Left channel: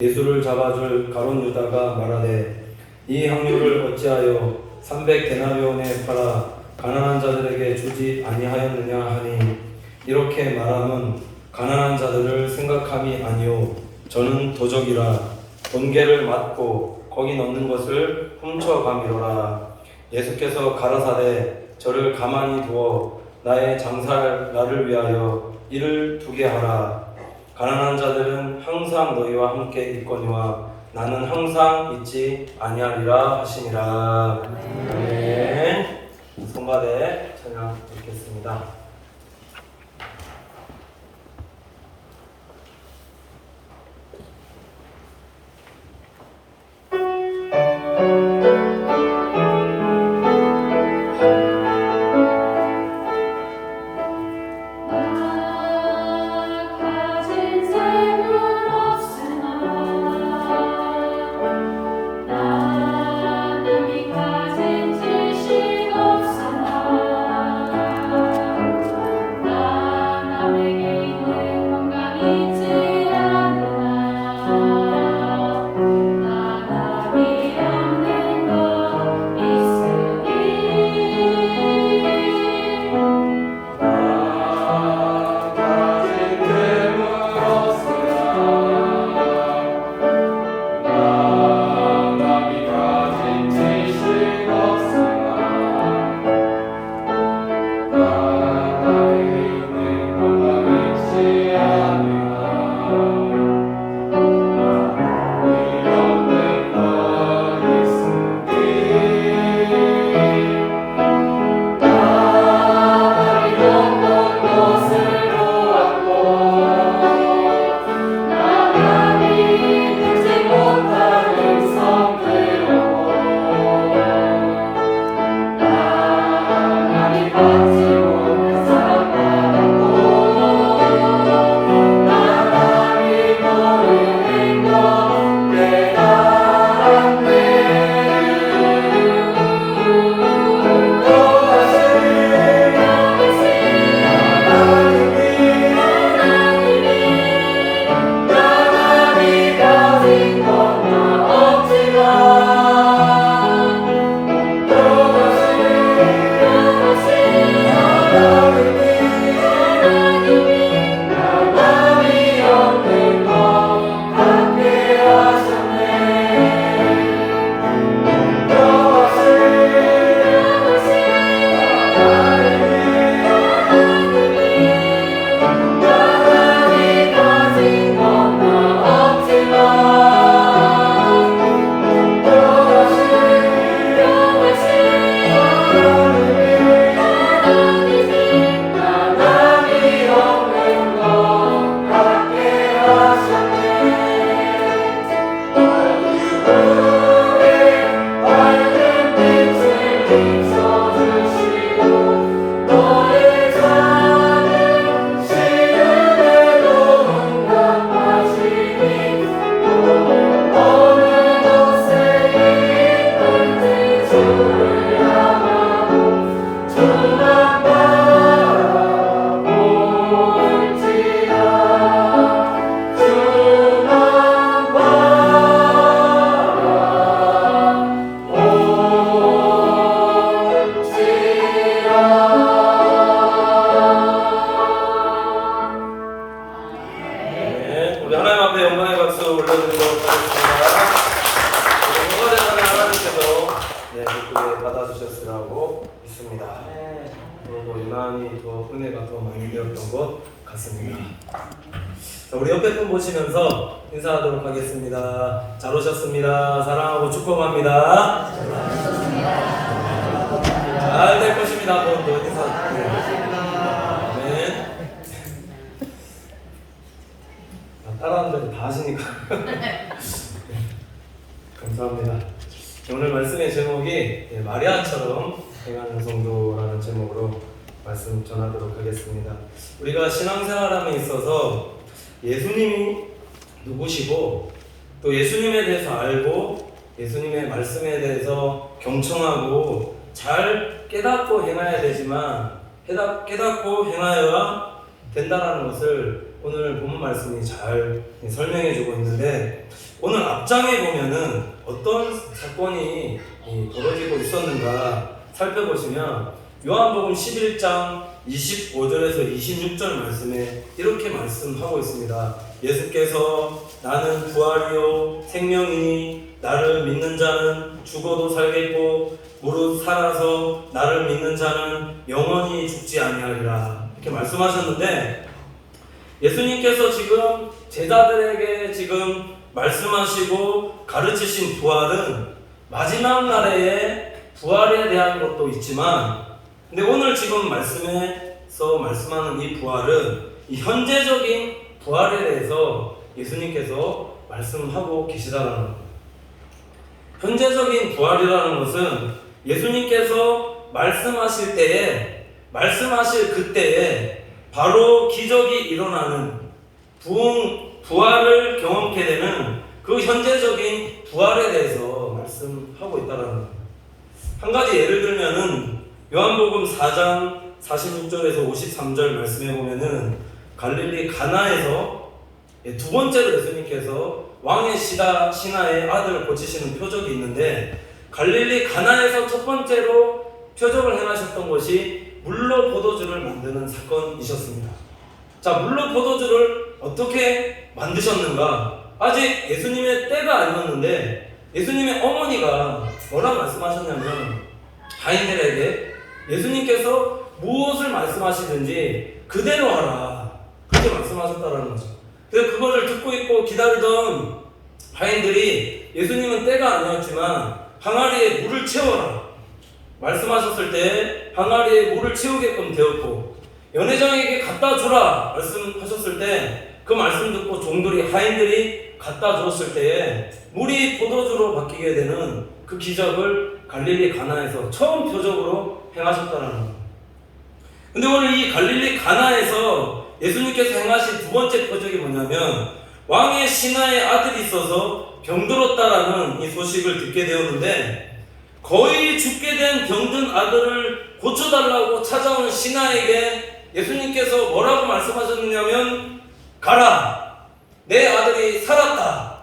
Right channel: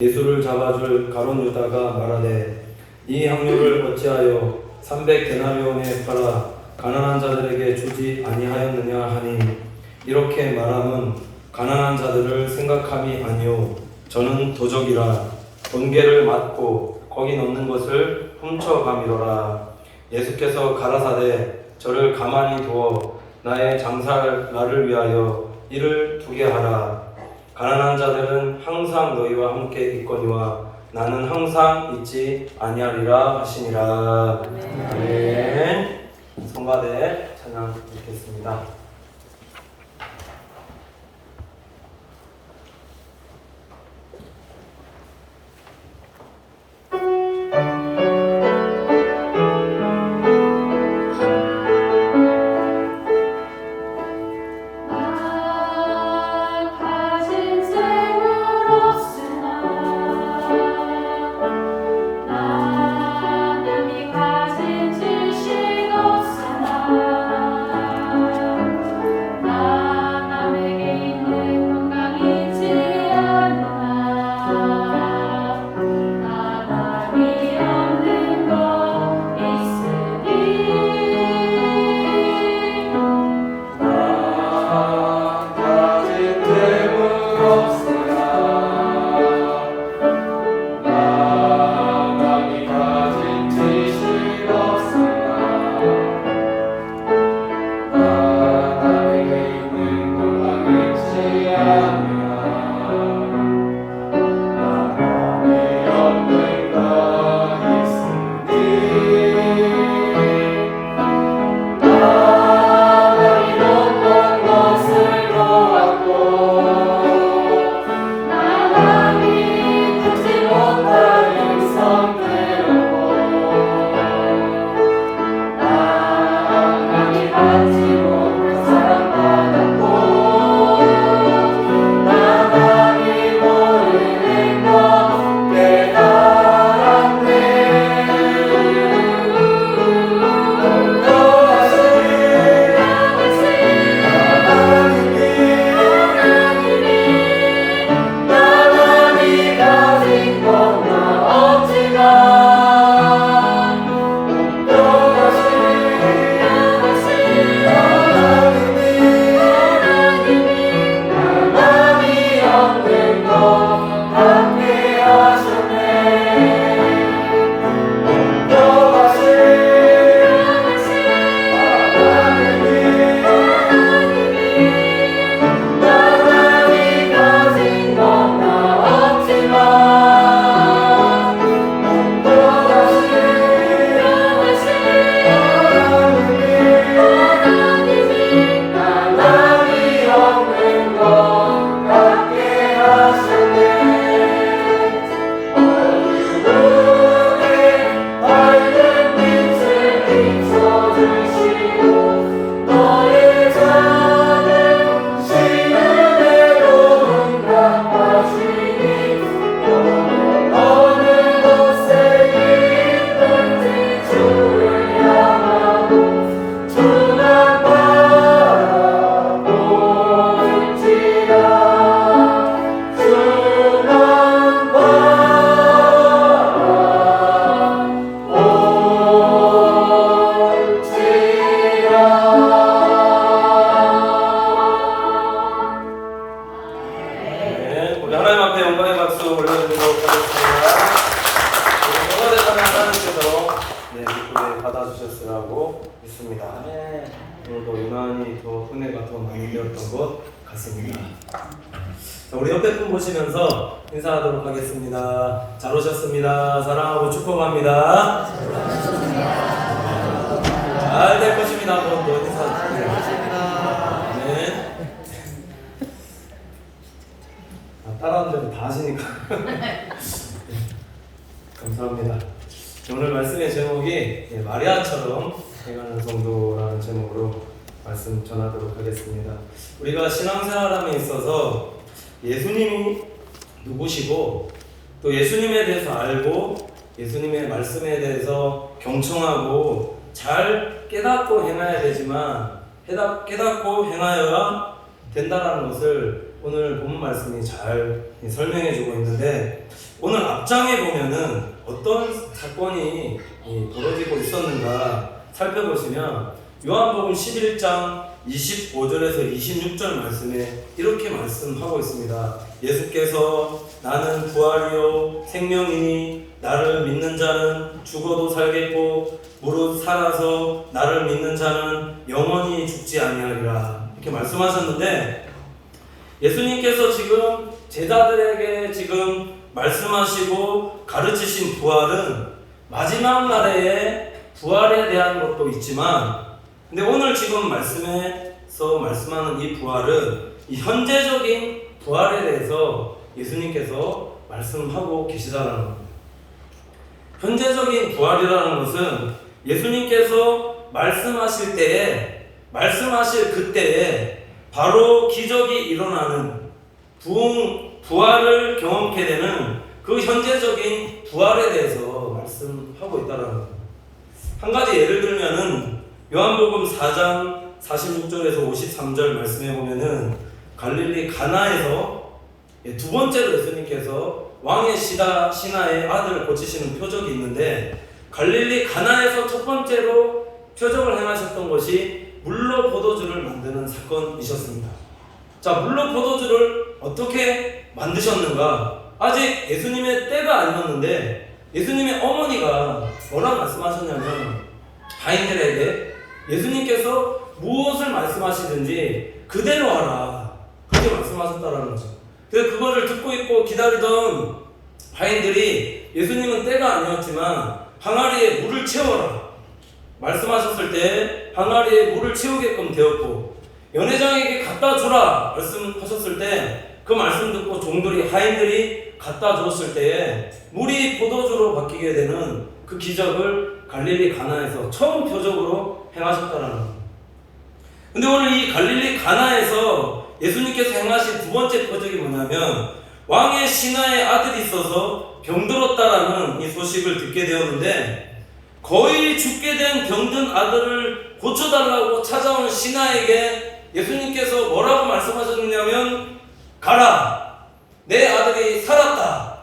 예수를 잡아줄 가룟 유다가 말하되 이 향료를 어찌하여 300데나리온에 팔아 가난한 자들에게 주지 아니하였느냐 하니 이렇게 말하면 가난한 자들을 생각함이 아니요 저는 도적이라 번개를 맞고 거기 넣는 것을 훔쳐가미로라. 예수께서 가라사대 저를 가만히 두어 나의 장사를 나를 위하여 이를 두게 하라. 가난한 자들은 항상 너희와 함께 있거니와 나는 항상 있지 아니하리라 하시니라. 네. 손바닥에 찬양 드리겠습니다. 우리 옆에 분 보시면서 인사하도록 하겠습니다. 잘 오셨습니다. 사랑하고 축복합니다. 잘 될 것입니다. 한번 더 인사드립니다. 네. 따라하는 대로 다 하시니까 감사합니다. 오늘 말씀의 제목이 마리아처럼 행하는 성도라는 제목으로 말씀 전하도록 하겠습니다. 우리가 신앙생활함에 있어서 예수님이 누구시고 또 예수님에 대해서 알고 예수님의 말씀에 대해서 경청하고 잘 깨닫고 행해야 되지만 깨닫고 행하여야 된다는 것을 오늘 본 말씀이 잘 설명해 주고 있는데 오늘 앞장에 보면은 어떤 사건이 벌어지고 있었는가 살펴보시면 요한복음 11장 25절에서 26절 말씀에 이렇게 말씀하고 있습니다. 예수께서 나는 부활이요 생명이니 나를 믿는 자는 죽어도 살겠고 무릇 살아서 나를 믿는 자는 영원히 죽지 아니하리라 이렇게 말씀하셨는데, 예수님께서 지금 제자들에게 지금 말씀하시고 가르치신 부활은 마지막 날에 부활에 대한 것도 있지만, 근데 오늘 지금 말씀에서 말씀하는 이 부활은 이 현재적인 부활에 대해서 예수님께서 말씀하고 계시다는 겁니다. 현재적인 부활이라는 것은 예수님께서 말씀하실 때에, 말씀하실 그때에 바로 기적이 일어나는 부활을 경험케 되는 그 현재적인 부활에 대해서 말씀하고 있다는 겁니다. 한 가지 예를 들면은 요한복음 4장 46절에서 53절 말씀해 보면은 갈릴리 가나에서 두 번째로 예수님께서 왕의 신하의 아들을 고치시는 표적이 있는데, 갈릴리 가나에서 첫 번째로 표적을 행하셨던 것이 물로 포도주를 만드는 사건이셨습니다. 자, 물로 포도주를 어떻게 만드셨는가? 아직 예수님의 때가 아니었는데 예수님의 어머니가 뭐라 말씀하셨냐면, 하인들에게 예수님께서 무엇을 말씀하시든지 그대로 하라 이렇게 말씀하셨다는 거죠. 그래서 그것을 듣고 있고 기다리던 하인들이 예수님은 때가 아니었지만 항아리에 물을 채워라 말씀하셨을 때 항아리에 물을 채우게끔 되었고, 연회장에게 갖다 주라 말씀하셨을 때 그 말씀 듣고 종들이, 하인들이 갖다 주었을 때에 물이 포도주로 바뀌게 되는 그 기적을 갈릴리 가나에서 처음 표적으로 행하셨다는 겁니다. 근데 오늘 이 갈릴리 가나에서 예수님께서 행하신 두 번째 표적이 뭐냐면, 왕의 신하의 아들이 있어서 병들었다라는 이 소식을 듣게 되었는데, 거의 죽게 된 병든 아들을 고쳐달라고 찾아온 신하에게 예수님께서 뭐라고 말씀하셨느냐면, 가라! 내 아들이 살았다!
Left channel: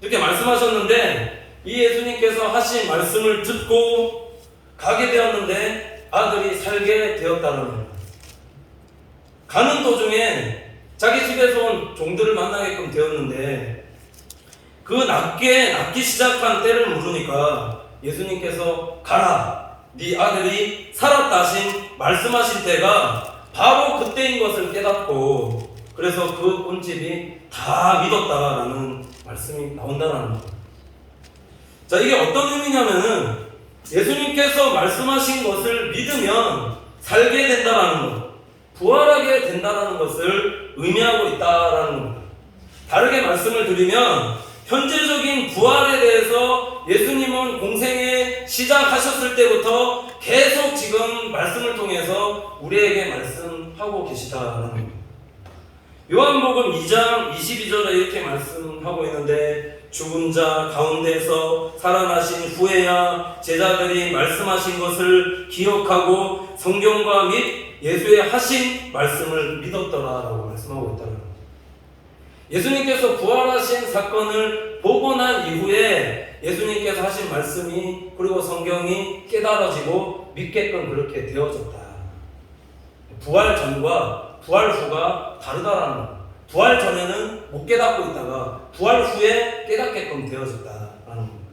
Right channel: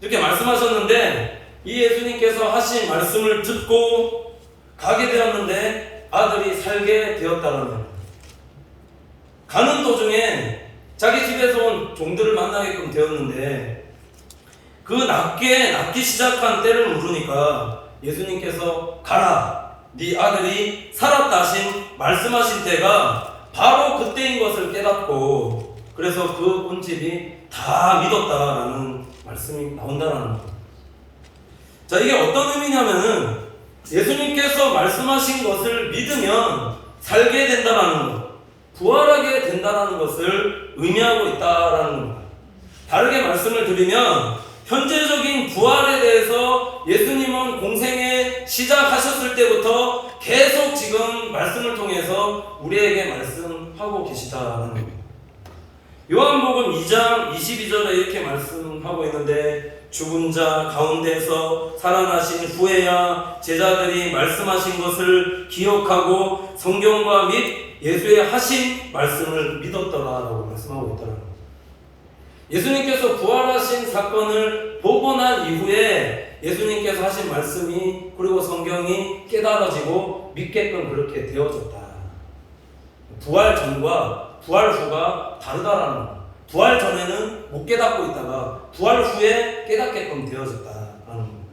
이렇게 말씀하셨는데, 이 예수님께서 하신 말씀을 듣고 가게 되었는데 아들이 살게 되었다는 겁니다. 가는 도중에 자기 집에서 온 종들을 만나게끔 되었는데, 그 낫기 시작한 때를 물으니까 예수님께서 가라! 네 아들이 살았다 하신 말씀하신 때가 바로 그때인 것을 깨닫고, 그래서 그 온 집이 다 믿었다라는 말씀이 나온다는 겁니다. 자, 이게 어떤 의미냐면은 예수님께서 말씀하신 것을 믿으면 살게 된다라는 것, 부활하게 된다라는 것을 의미하고 있다라는 겁니다. 다르게 말씀을 드리면, 현재적인 부활에 대해서 예수님은 공생에 시작하셨을 때부터 계속 지금 말씀을 통해서 우리에게 말씀하고 계시다라는 겁니다. 요한복음 2장 22절에 이렇게 말씀하고 있는데, 죽은 자 가운데서 살아나신 후에야 제자들이 말씀하신 것을 기억하고 성경과 및 예수의 하신 말씀을 믿었더라라고 말씀하고 있더라고요. 예수님께서 부활하신 사건을 보고 난 이후에 예수님께서 하신 말씀이, 그리고 성경이 깨달아지고 믿게끔 그렇게 되어졌다. 부활 전과 부활 후가 다르다라는 것. 부활 전에는 못 깨닫고 있다가 부활 후에 깨닫게끔 되어졌다라는 겁니다.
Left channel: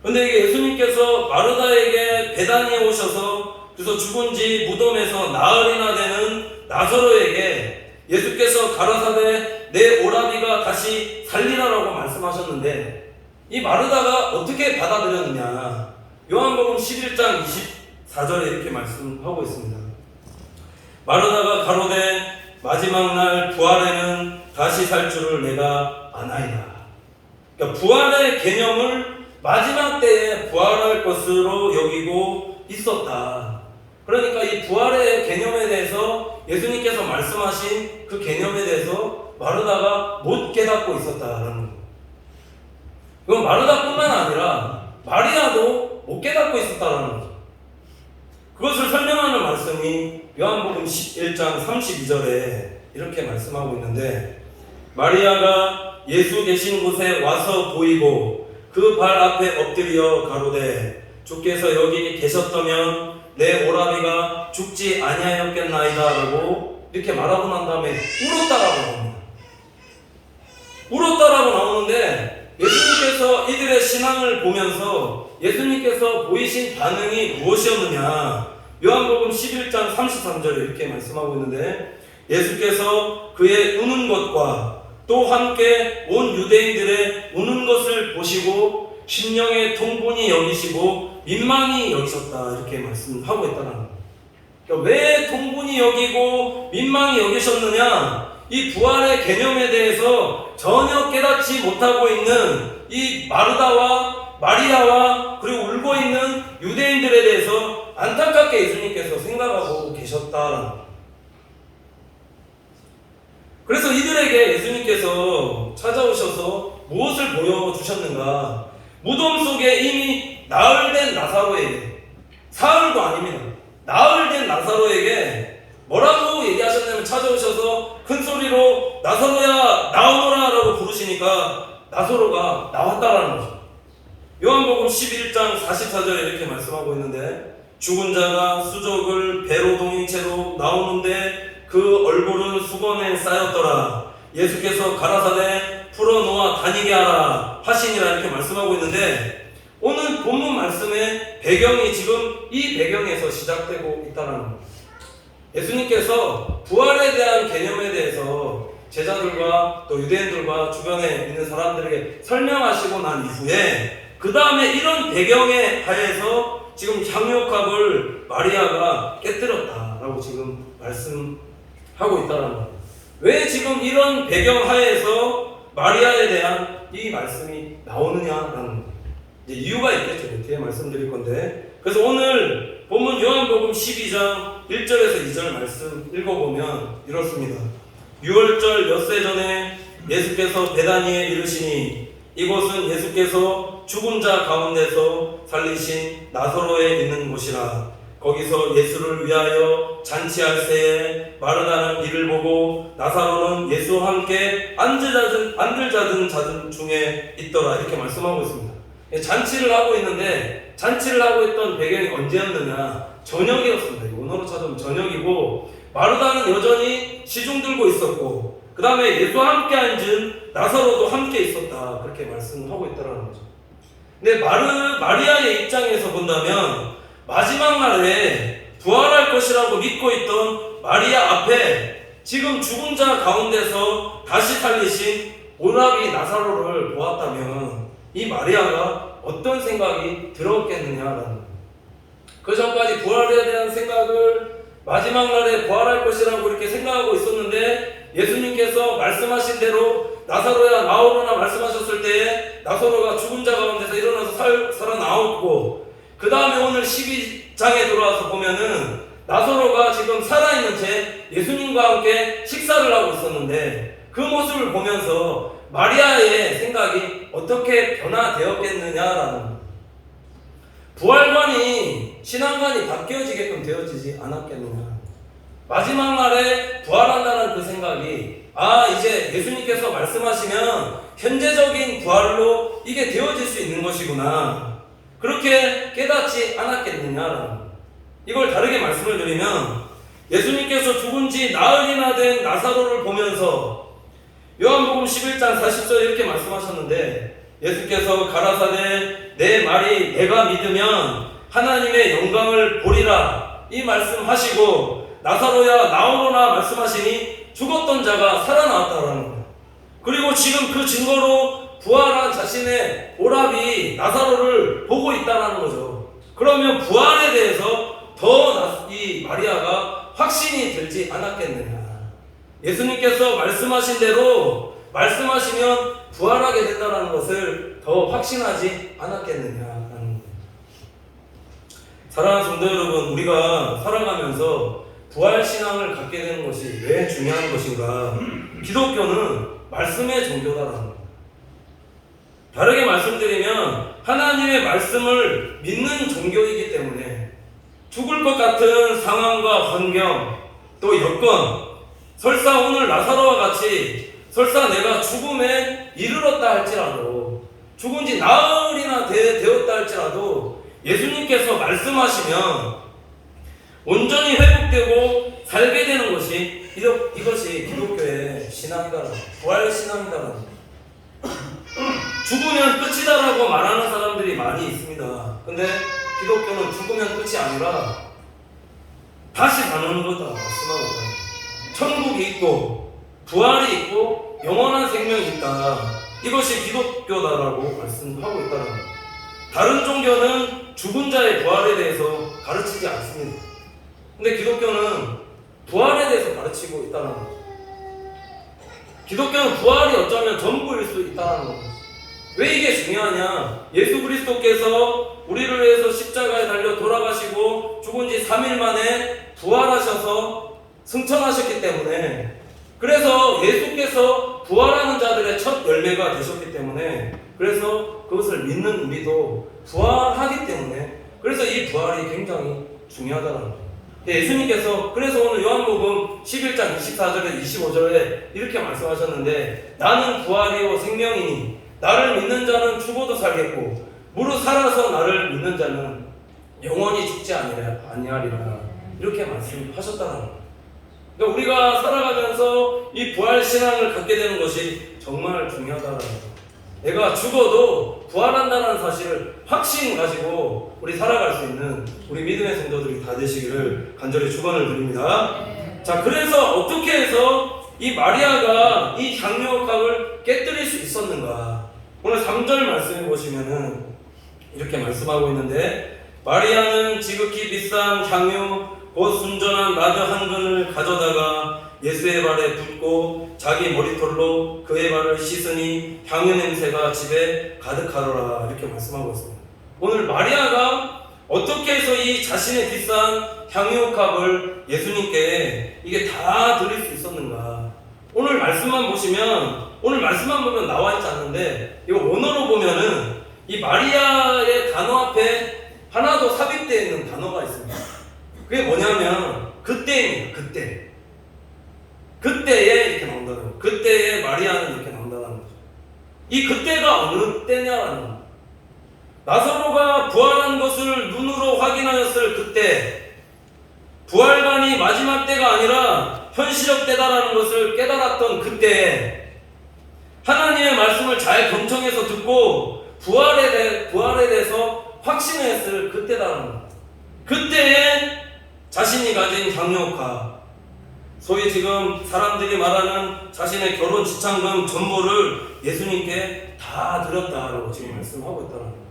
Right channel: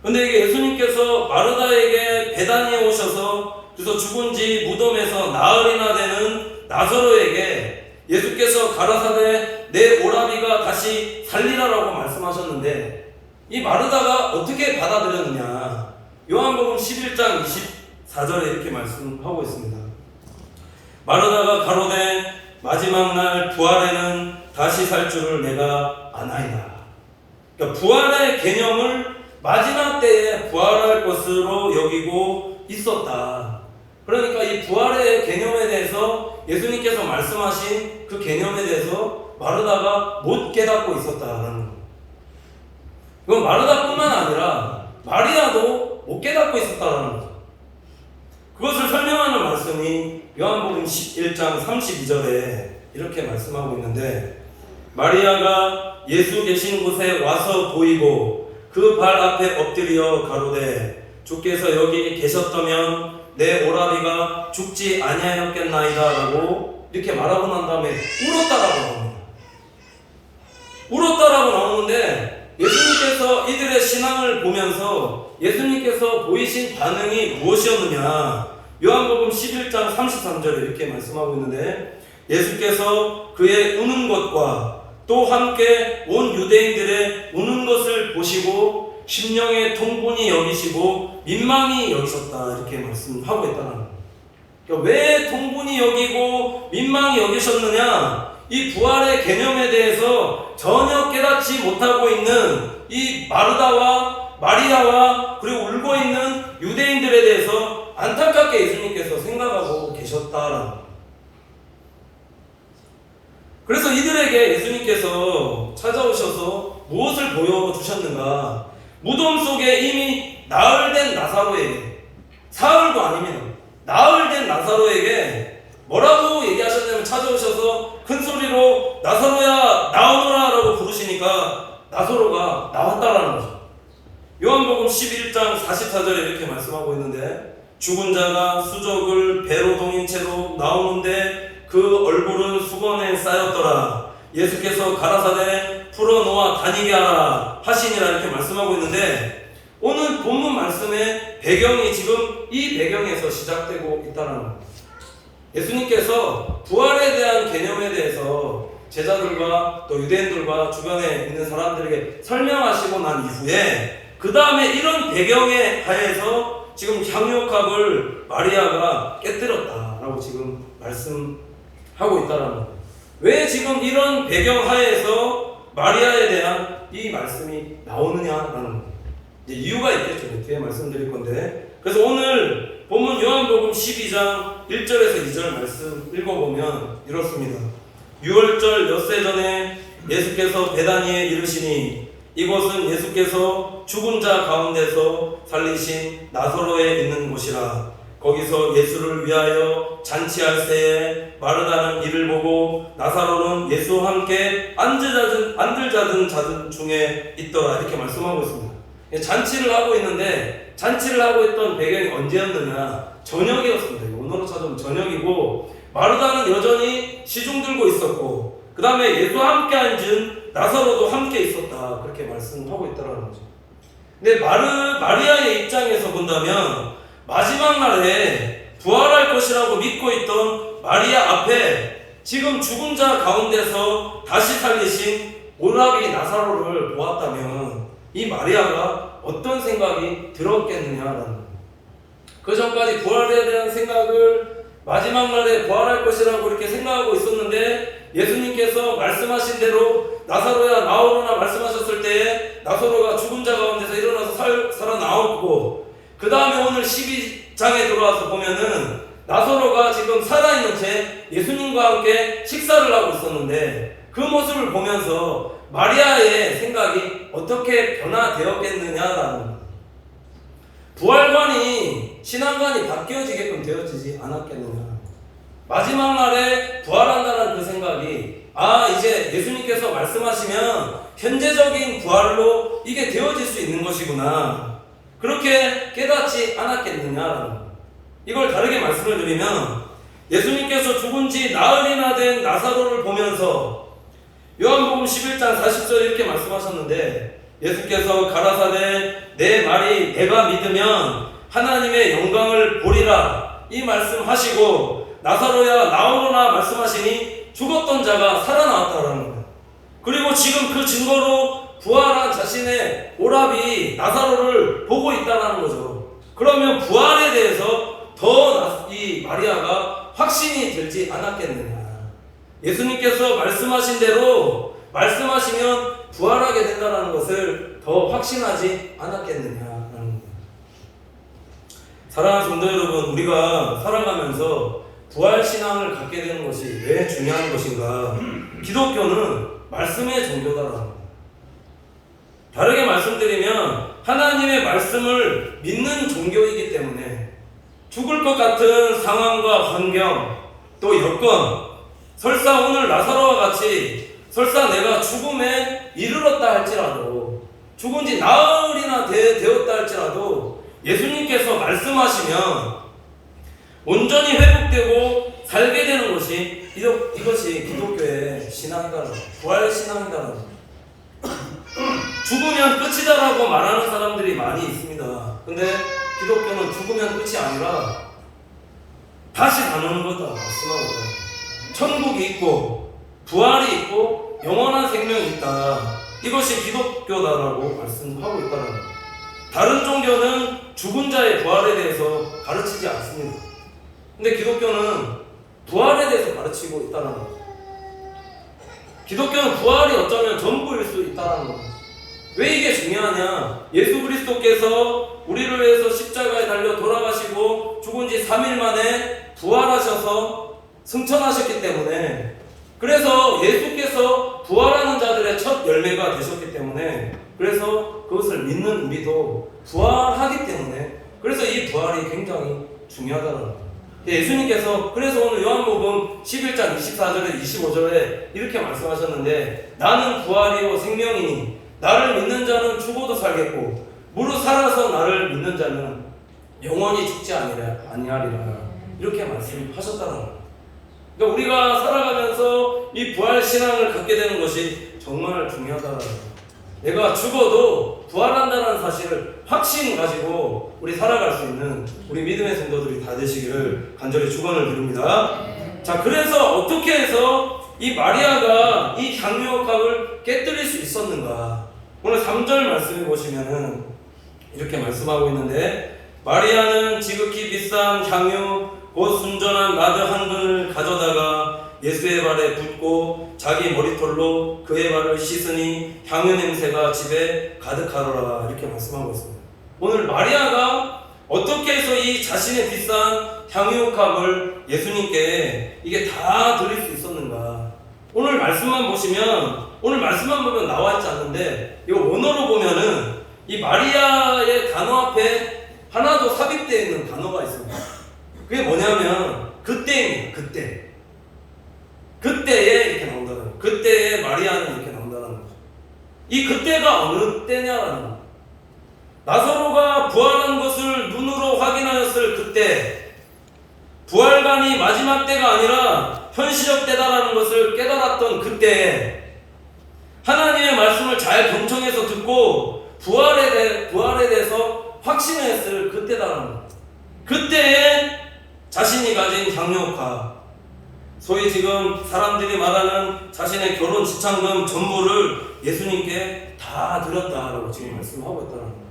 그런데 이게 예수님께서 마르다에게 베다니에 오셔서, 그래서 죽은 지 무덤에서 나흘이나 되는 나사로에게 예수께서 가라사대 내 오라비가 다시 살리라라고 말씀하셨는데, 이 마르다가 어떻게 받아들였느냐? 요한복음 11장 24절에 이렇게 말씀하고 있습니다. 마르다가 가로되 마지막 날 부활에는 다시 살 줄을 내가 아나이다. 그러니까 부활의 개념을 마지막 때에 부활할 것으로 여기고 있었다. 그러니까 이 부활의 개념에 대해서 예수님께서 말씀하신 그 개념에 대해서 마르다가 못 깨닫고 있었다라는 거예요. 이건 마르다뿐만 아니라 마리아도 못 깨닫고 있었다라는 거죠. 그것을 설명하는 말씀이 요한복음 11장 32절에 이렇게 말씀하고 있는데, 마리아가 예수 계신 곳에 와서 보이고 그 발 앞에 엎드려 가로되 주께서 여기 계셨다면 내 오라비가 죽지 아니하였겠나이다 라고 이렇게 말하고 난 다음에 울었다라고 나옵니다. 울었다라고 나오는데 예수님께서 이들의 신앙을 보면서 예수님께서 보이신 반응이 무엇이었느냐, 요한복음 11장 33절에 이렇게 말씀하고 있는데 예수께서 그의 우는 것과 또 함께 온 유대인들의 우는 것을 보시고 심령의 통분이 여기시고 민망히 여기셨다 이렇게 말씀하고 있다는 거예요. 그러니까 왜 통분이 여기고 민망히 여기셨느냐, 이 부활의 개념에 대해서 전혀 깨닫지 못하고 있는 이 마르다와 마리아와 그리고 울고 있는 유대인들에 대해서 안타깝게 예수님께서 생각하고 계셨다라는 거예요. 그래서 이들에게 예수님께서 찾아오셔서 무엇을 보여주셨는가, 무덤 속에 이미 나흘된 나사로에게, 사흘도 아닙니다, 나흘된 나사로에게 뭐라고 얘기하셨냐면 찾아오셔서 큰 소리로 나사로야 나오너라 라고 부르시니까 나사로가 나왔다라는 거죠. 요한복음 11장 44절에 이렇게 말씀하고 있는데 죽은 자가 수족을 배로 동인 채로 나오는데 그 얼굴은 수건에 쌓였더라. 예수께서 가라사대 풀어놓아 다니게 하라 하시니라 이렇게 말씀하고 있는데 오늘 본문 말씀의 배경이 지금 이 배경에서 시작되고 있다는 겁니다. 예수님께서 부활에 대한 개념에 대해서 제자들과 또 유대인들과 주변에 있는 사람들에게 설명하시고 난 이후에 그 다음에 이런 배경에 하에서 지금 향유컵을 마리아가 깨뜨렸다라고 지금 말씀하고 있다는 겁니다. 왜 지금 이런 배경 하에서 마리아에 대한 이 말씀이 나오느냐라는 이제 이유가 있겠죠. 뒤에 말씀드릴 건데, 그래서 오늘 본문 요한복음 12장 1절에서 2절 말씀 읽어보면 이렇습니다. 6월절 엿새 전에 예수께서 베다니에 이르시니 이곳은 예수께서 죽은 자 가운데서 살리신 나사로에 있는 곳이라. 거기서 예수를 위하여 잔치할 새에 마르다는 이를 보고 나사로는 예수와 함께 안들 자든 자들 중에 있더라 이렇게 말씀하고 있습니다. 잔치를 하고 있는데 잔치를 하고 있던 배경이 언제였느냐, 저녁이었습니다. 오늘로 찾으면 저녁이고 마르다는 여전히 시중 들고 있었고 그 다음에 예수와 함께 앉은 나사로도 함께 있었다 그렇게 말씀하고 있다는 거죠. 근데 마리아의 입장에서 본다면 마지막 날에 부활할 것이라고 믿고 있던 마리아 앞에 지금 죽은 자 가운데서 다시 살리신 오라비 나사로를 보았다면 이 마리아가 어떤 생각이 들었겠느냐라는 거예요. 그 전까지 부활에 대한 생각을 마지막 날에 부활할 것이라고 이렇게 생각하고 있었는데 예수님께서 말씀하신 대로 나사로야 나오거나 말씀하셨을 때 나사로가 죽은 자 가운데서 일어나서 살아나왔고 그 다음에 오늘 12장에 들어와서 보면은 나사로가 지금 살아있는 채 예수님과 함께 식사를 하고 있었는데 그 모습을 보면서 마리아의 생각이 어떻게 변화되었겠느냐라는, 부활관이 신앙관이 바뀌어지게끔 되어지지 않았겠느냐. 마지막 날에 부활한다는 그 생각이 이제 예수님께서 말씀하시면 현재적인 부활로 이게 되어질 수 있는 것이구나 그렇게 깨닫지 않았겠느냐. 이걸 다르게 말씀을 드리면 예수님께서 죽은 지 나흘이나 된 나사로를 보면서 요한복음 11장 40절 이렇게 말씀하셨는데 예수께서 가라사대 내 말이 내가 믿으면 하나님의 영광을 보리라 이 말씀하시고 나사로야 나오거나 말씀하시니 죽었던 자가 살아나왔다라는 거예요. 그리고 지금 그 증거로 부활한 자신의 오라비 나사로를 보고 있다는 거죠. 그러면 부활에 대해서 더 이 마리아가 확신이 들지 않았겠느냐. 예수님께서 말씀하신 대로 말씀하시면 부활하게 된다는 것을 더 확신하지 않았겠느냐. 사랑하는 성도 여러분, 우리가 살아가면서 부활신앙을 갖게 되는 것이 왜 중요한 것인가. 기독교는 말씀의 종교다라는 거예요. 다르게 말씀드리면 하나님의 말씀을 믿는 종교이기 때문에 죽을 것 같은 상황과 환경 또 여건, 설사 오늘 나사로와 같이 설사 내가 죽음에 이르렀다 할지라도 죽은 지 나흘이나 되었다 할지라도 예수님께서 말씀하시면 온전히 회복되고 살게 되는 것이 이것이 기독교의 신앙이다. 부활 신앙이다. 죽으면 끝이다라고 말하는 사람들이 많이 있습니다. 근데 기독교는 죽으면 끝이 아니라 다시 가는 거다. 천국이 있고 부활이 있고 영원한 생명이 있다. 이것이 기독교다라고 말씀하고 있다는 거예요. 다른 종교는 죽은 자의 부활에 대해서 가르치지 않습니다. 근데 기독교는 부활에 대해서 가르치고 있다는 거예요. 기독교는 부활이 어쩌면 전부일 수 있다는 거예요. 왜 이게 중요하냐? 예수 그리스도께서 우리를 위해서 십자가에 달려 돌아가시고 죽은 지 3일 만에 부활하셔서 승천하셨기 때문에, 그래서 예수께서 부활하는 자들의 첫 열매가 되셨기 때문에, 그래서 그것을 믿는 우리도 부활하기 때문에, 그래서 이 부활이 굉장히 중요하다는 거예요. 예수님께서 그래서 오늘 요한복음 11장 24절에 25절에 이렇게 말씀하셨는데, 나는 부활이요 생명이니 나를 믿는 자는 죽어도 살겠고 무릇 살아서 나를 믿는 자는 영원히 죽지 아니하리라. 이렇게 말씀하셨다는 거예요. 그러니까 우리가 살아가면서 이 부활 신앙을 갖게 되는 것이 정말 중요하다는 거예요. 내가 죽어도 부활한다는 사실을 확신 가지고 우리 살아갈 수 있는 우리 믿음의 성도들이 다 되시기를 간절히 축원을 드립니다. 자, 그래서 어떻게 해서 이 마리아가 이 향유옥합을 깨뜨릴 수 있었는가? 오늘 3절 말씀해 보시면은 이렇게 말씀하고 있는데, 마리아는 지극히 비싼 향유 곧 순전한 나드 한 근을 가져다가 예수의 발에 붓고 자기 머리털로 그의 발을 씻으니 향유 냄새가 집에 가득하더라. 이렇게 말씀하고 있습니다. 오늘 마리아가 어떻게 해서 이 자신의 비싼 향유옥합을 예수님께 이게 다 드릴 수 있었는가? 오늘 말씀만 보면 나와 있지 않는데, 이거 원어로 보면은 이 마리아의 단어 앞에 하나 더 삽입되어 있는 단어가 있습니다. 그게 뭐냐면 그때입니다. 그때에 이렇게 나온다는 거예요. 그때에 마리아는 이렇게 나온다는 거죠. 이 그때가 어느 때냐라는 거예요. 나사로가 부활한 것을 눈으로 확인하였을 그때, 부활관이 마지막 때가 아니라 현실적 때다라는 것을 깨달았던 그때, 하나님의 말씀을 잘 경청해서 듣고 부활에 대해서 확신했을 그때다라는 거예요. 그때에 자신이 가진 향유옥합, 소위 지금 사람들이 말하는 자신의 결혼 지참금 전부를 예수님께 다 드렸다라고 지금 말씀하고 있다는 거예요.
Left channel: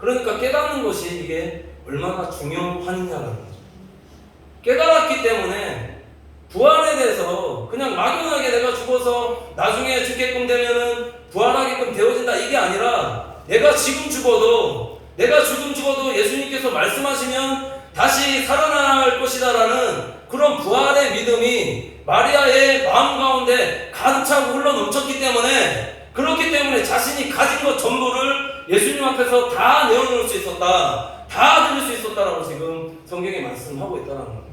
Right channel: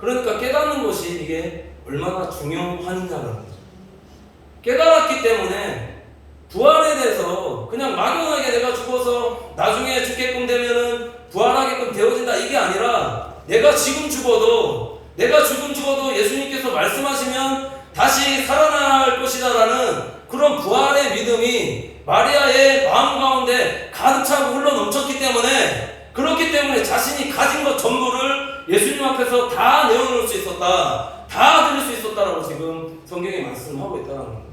그러니까 깨닫는 것이 이게 얼마나 중요하느냐라는 거죠. 깨달았기 때문에 부활에 대해서 그냥 막연하게 내가 죽어서 나중에 죽게끔 되면은 부활하게끔 되어진다, 이게 아니라 내가 지금 죽어도 예수님께서 말씀하시면 다시 살아날 것이다라는 그런 부활의 믿음이 마리아의 마음 가운데 가득 차고 흘러 넘쳤기 때문에, 그렇기 때문에 자신이 가진 것 전부를 예수님 앞에서 다 내어놓을 수 있었다, 다 드릴 수 있었다라고 지금 성경에 말씀하고 있다는 거죠.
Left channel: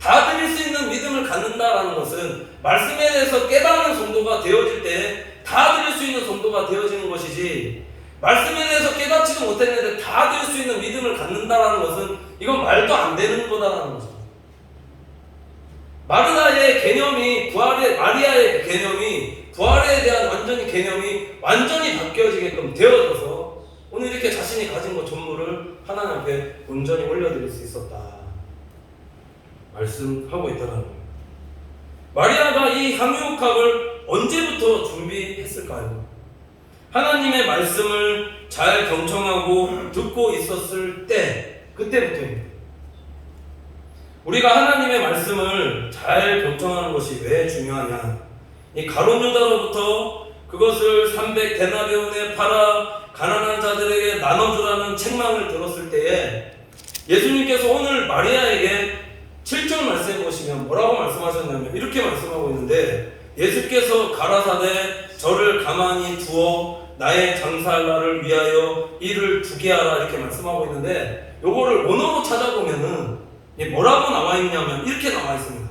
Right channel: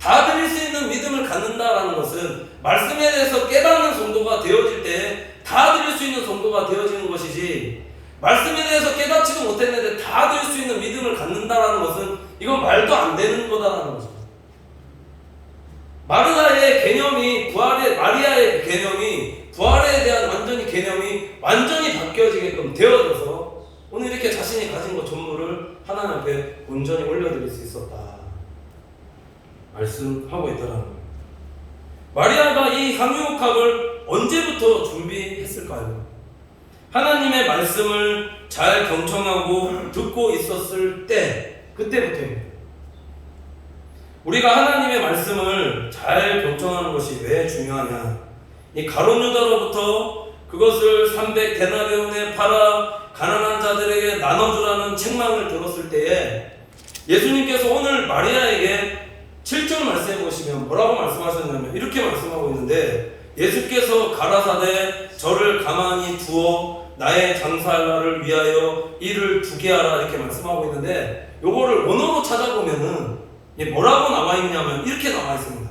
다 드릴 수 있는 믿음을 갖는다라는 것은 말씀에 대해서 깨닫는 정도가 되어질 때 다 드릴 수 있는 정도가 되어지는 것이지, 말씀에 대해서 깨닫지도 못했는데 다 드릴 수 있는 믿음을 갖는다라는 것은 이건 말도 안 되는 거다라는 거죠. 마리아의 개념이 부활에 대한 개념이 완전히 바뀌어지게끔 되어져서 오늘 이렇게 자신이 가진 것 전부를 하나님 앞에 온전히 올려드릴 수 있었다 말씀하고 있다는 거예요. 마리아가 이 향유옥합을 언제부터 준비했을까요? 하나님의 말씀을 잘 경청하고 듣고 있었을 때, 그때부터입니다. 우리가 하나님의 말씀을 잘 경청하는 것이 왜 중요하냐? 이 가룟 유다로부터 그것을 300데나리온에 팔아 가난한 자들에게 나눠주라는 책망을 들었을 때에 예수님께서 오늘 마리아에게 7절 말씀해 보시면 뭐라고 말씀하셨냐면 이렇게 말씀하고 있는데, 예수께서 가라사대 저를 가만히 두어 나의 장사할 날을 위하여 일을 두게 하라, 이렇게 말씀하고 있는데, 요거를 원어로 찾아보면은 뭐라고 나와 있냐면 이렇게 나와 있습니다.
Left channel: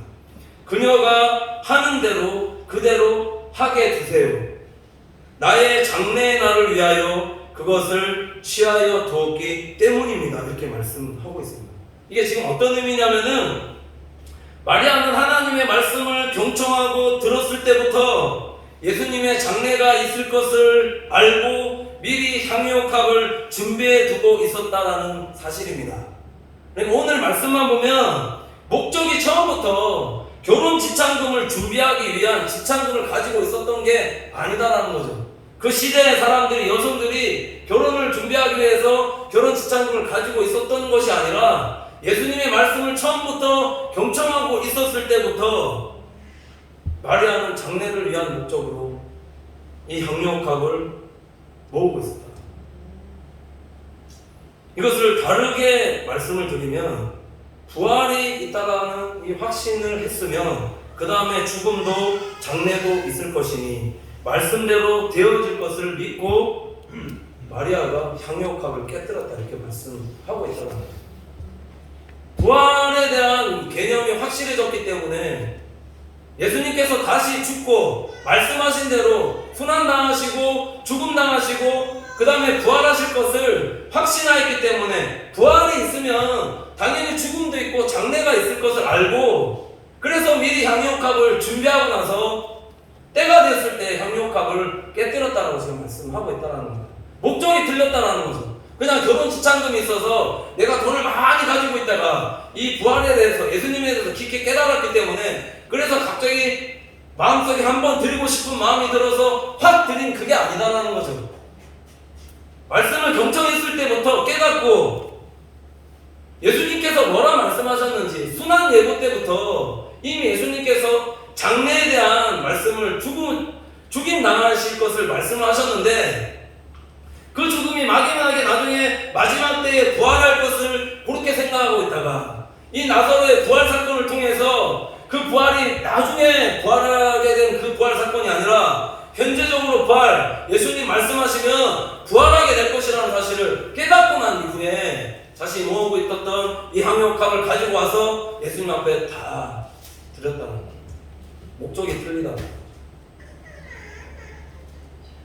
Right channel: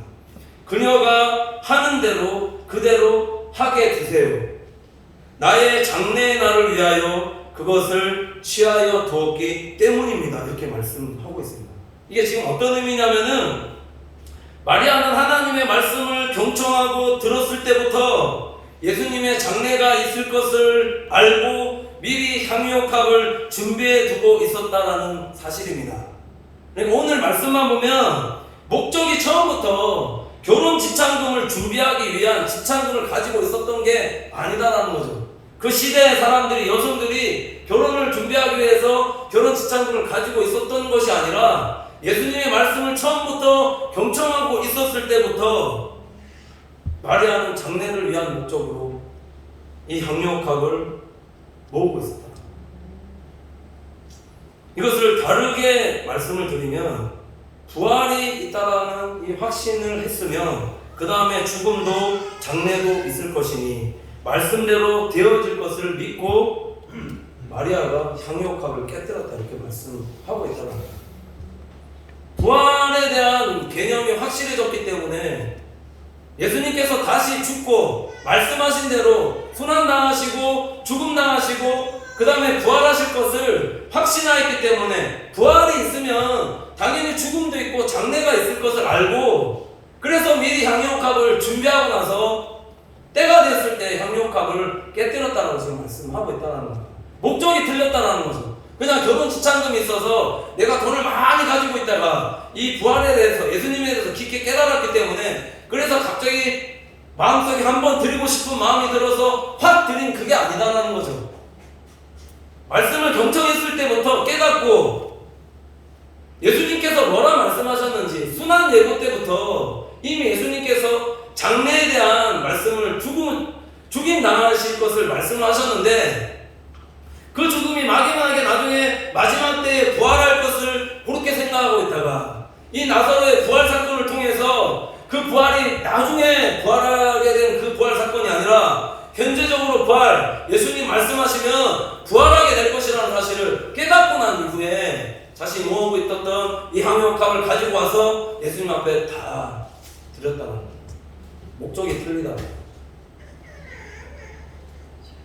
그녀가 하는 대로 그대로 하게 두세요. 나의 장래의 날을 위하여 그것을 취하여 두었기 때문입니다. 이렇게 말씀하고 있습니다. 이게 지금 어떤 의미냐면은 마리아는 하나님의 말씀을 경청하고 들었을 때부터 예수님의 장래가 있을 것을 알고 미리 향유옥합을 준비해 두고 있었다라는 사실입니다. 그러니까 오늘 말씀만 보면 목적이 처음부터 결혼 지참금을 준비하기 위한 지참금을 가지고 있었던 게 아니다라는 거죠. 그 시대의 사람들이, 여성들이 결혼을 준비하기 위해서 결혼 지참금을 가지고 있었던 것이 아니라 예수님의 말씀을 처음부터 경청하고 있었을 때부터 마리아는 장래를 위한 목적으로 이 향유옥합을 모으고 있었다. 이것을 다르게 말씀을 드리면 부활이 있다라는 이 확신을 했으면 그 다음에 죽음도 장래도 있을 것이니 말씀대로 되어질 것을 믿고 마리아가 향유옥합을 깨뜨렸다 이렇게 말씀하고 있다는 거예요. 부활에 대한 개념이 확실해졌기 때문에 예수님께서 다시 죽고 말씀하신 대로 순환당하시고 죽음당하시고 그 다음에 부활하실 것을 확신하였기 때문에 부활이 있으면 당연히 죽음도 있고 장래가 있을 것을 알고 그래서 미리 향유옥합을 준비하고 나서 때가 됐을 때 향유옥합을 깨뜨렸다고 지금 말씀하고 있다는 거예요. 목적이 틀렸다는 거죠. 그냥 결혼 지참금이 있어서 내가 돈을 많이 가지고 있다가 이 부활에 대해서 예수님에 대해서 깊게 깨달았기 때문에 그래서 갑자기 마음속에 한번 드리고 싶은 마음이 들어서 확 드린 그게 아니다라는 거죠. 말씀을 경청했을 때부터 깨닫고 예수님께서 뭐라 말씀하셨는지 순환 예고 때부터 이미 예수님께서 장래에 대한 말씀을 죽임 당하실 것을 말씀하셨는데 그 죽음이 막연하게 나중에 마지막 때에 부활할 것을 그렇게 생각하고 있다가 이 나사로의 부활 사건을 통해서 그 부활이 나중에 부활하게 된 그 부활 사건이 아니라 현재적으로 부활, 예수님 말씀하시면 부활하게 될 것이라는 사실을 깨닫고 난 이후에 자신이 모으고 있었던 이 향유옥합을 가지고 와서 예수님 앞에 다 드렸다는 거예요. 목적이 틀리다.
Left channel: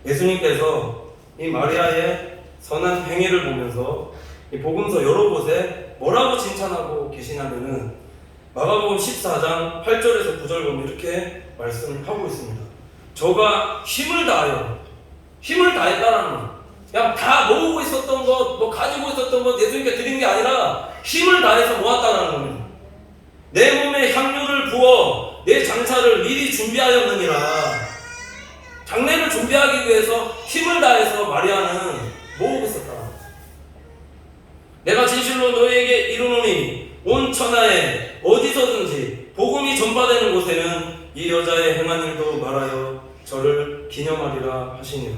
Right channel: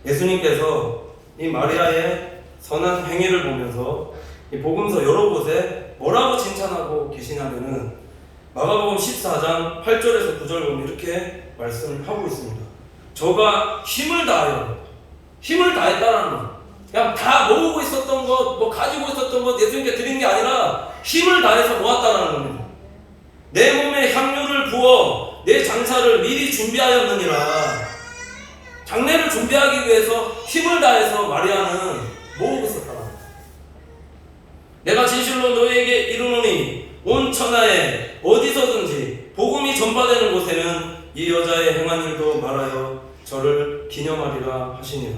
예수님께서 이 마리아의 선한 행위를 보면서 이 복음서 여러 곳에 뭐라고 칭찬하고 계시냐면은 마가복음 14장 8절에서 9절 보면 이렇게 말씀을 하고 있습니다. 저가 힘을 다했다는 거. 그냥 다 모으고 있었던 것, 뭐 가지고 있었던 것 예수님께 드린 게 아니라 힘을 다해서 모았다는 겁니다. 내 몸에 향유를 부어 내 장사를 미리 준비하였느니라. 장래를 준비하기 위해서 힘을 다해서 마리아는 모으고 있었다. 내가 진실로 너희에게 이르노니 온 천하에 어디서든지 복음이 전파되는 곳에는 이 여자의 행한 일도 말하여 저를 기념하리라 하시니라.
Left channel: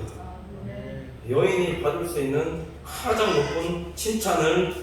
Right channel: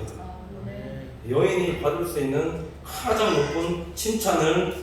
여인이 받을 수 있는 가장 높은 칭찬을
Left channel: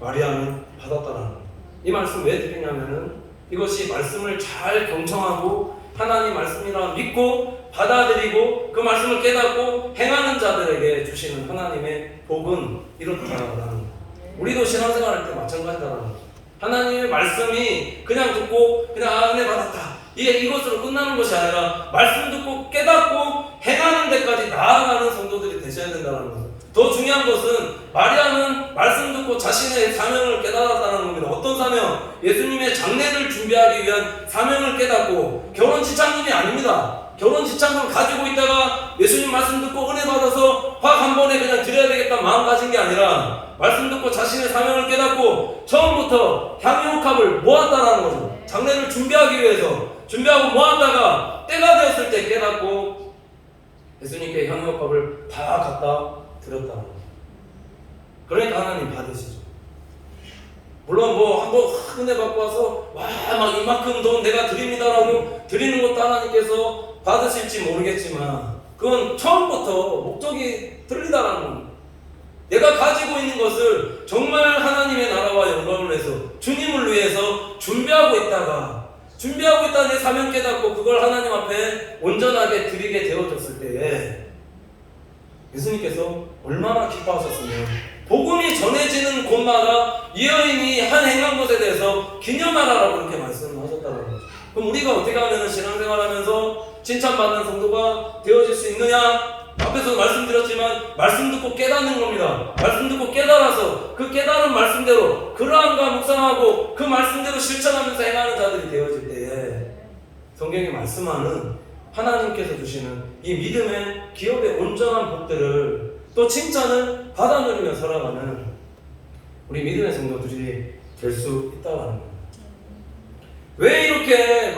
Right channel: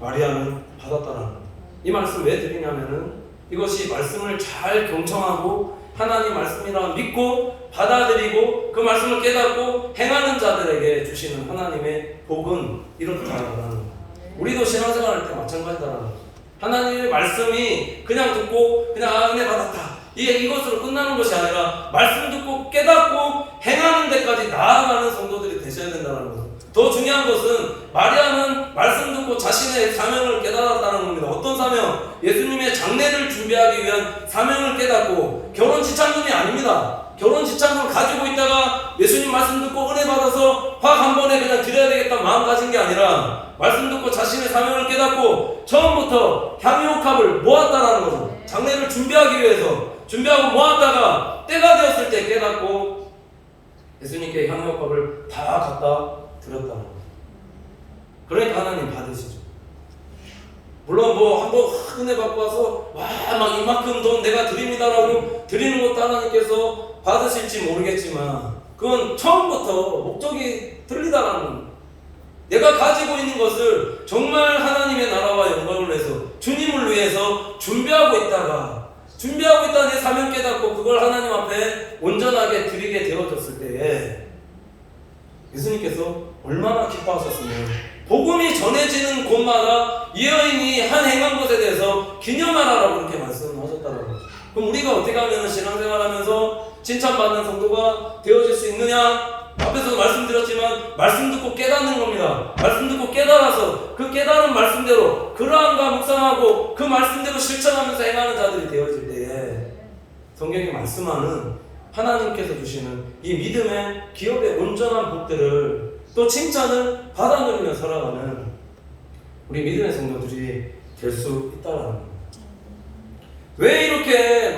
마리아는 받았다는 겁니다. 이 말씀 왜 드리냐면은 이것이 말씀을 잘 경청하고 하나님 말씀이라 믿고 받아들이고 그 말씀을 깨닫고 행하는 자들에게 주시는 하나님의 복은 이렇다라는 거예요. 우리도 신앙생활할 때 마찬가지다라는 거예요. 하나님의 말씀이 그냥 듣고 그냥 은혜 받았다 이것으로 끝나는 것이 아니라 말씀 듣고 깨닫고 행하는 데까지 나아가는 성도들이 되셔야 된다는 거예요. 더 중요한 것은 마리아는 말씀 듣고 자신의 사명을 깨달았다는 겁니다. 어떤 사명? 예수님의 장례를 준비하기 위한 사명을 깨닫고 결혼 지참금이 아닙니다. 결혼 지참금을 가지고 있다가 예수님 말씀 듣고 은혜 받아서 확 한 번에 그냥 드려야 되겠다 마음 가진 게 아니라 말씀 듣고 자신의 사명을 깨닫고 처음부터 향유옥합을 모았다라는 거죠. 장례를 준비하기 위해서 준비하고 모았다가 때가 되었을 때 깨닫고 예수님께 향유옥합을 다 갖다 드렸다는 거예요. 그러니까 하나님 받으시죠. 물론 뭐 한번 은혜 받고 와서 막 이만큼 돈 내가 드립니다라고 드리는 것도 하나님께서 받으실지 모르겠지만 그건 처음부터 목적이 틀리다라는 겁니다. 내가 가지고 있는 것을 정말 하나님의 나라와 영광을 위해서 주님을 위해서 준비하고 있다 내 사명 깨닫고 그걸 하나님 앞에 온전하게 드리게 되어졌을 때에 예수님께서 얼마나 기뻐하셨으면 복음이 전해지는 곳마다 이 여인이 한 행한 것에 대해서 기념하라라고 그렇게 말씀하셨다는 거죠. 그럼 우리가 어떻게 하면 신앙생활하면서 칭찬받는 성도가 되어질 수 있느냐? 앞에서 말씀드렸지만 말씀 듣고 깨닫는 겁니다. 말씀 듣고 깨달아서 그 깨달은 말씀대로 그러함과 묵상하고 그 말씀대로 실천하면서 행하는 자들이 되어질 때에 성경이 말씀하는 하나님께서 주시는 이 믿음의 기업의 온전한 복들을 또 칭찬을 받아 누리며 살아가는 우리 믿음의 성도들이 될 수 있다는 겁니다. 왜 이렇게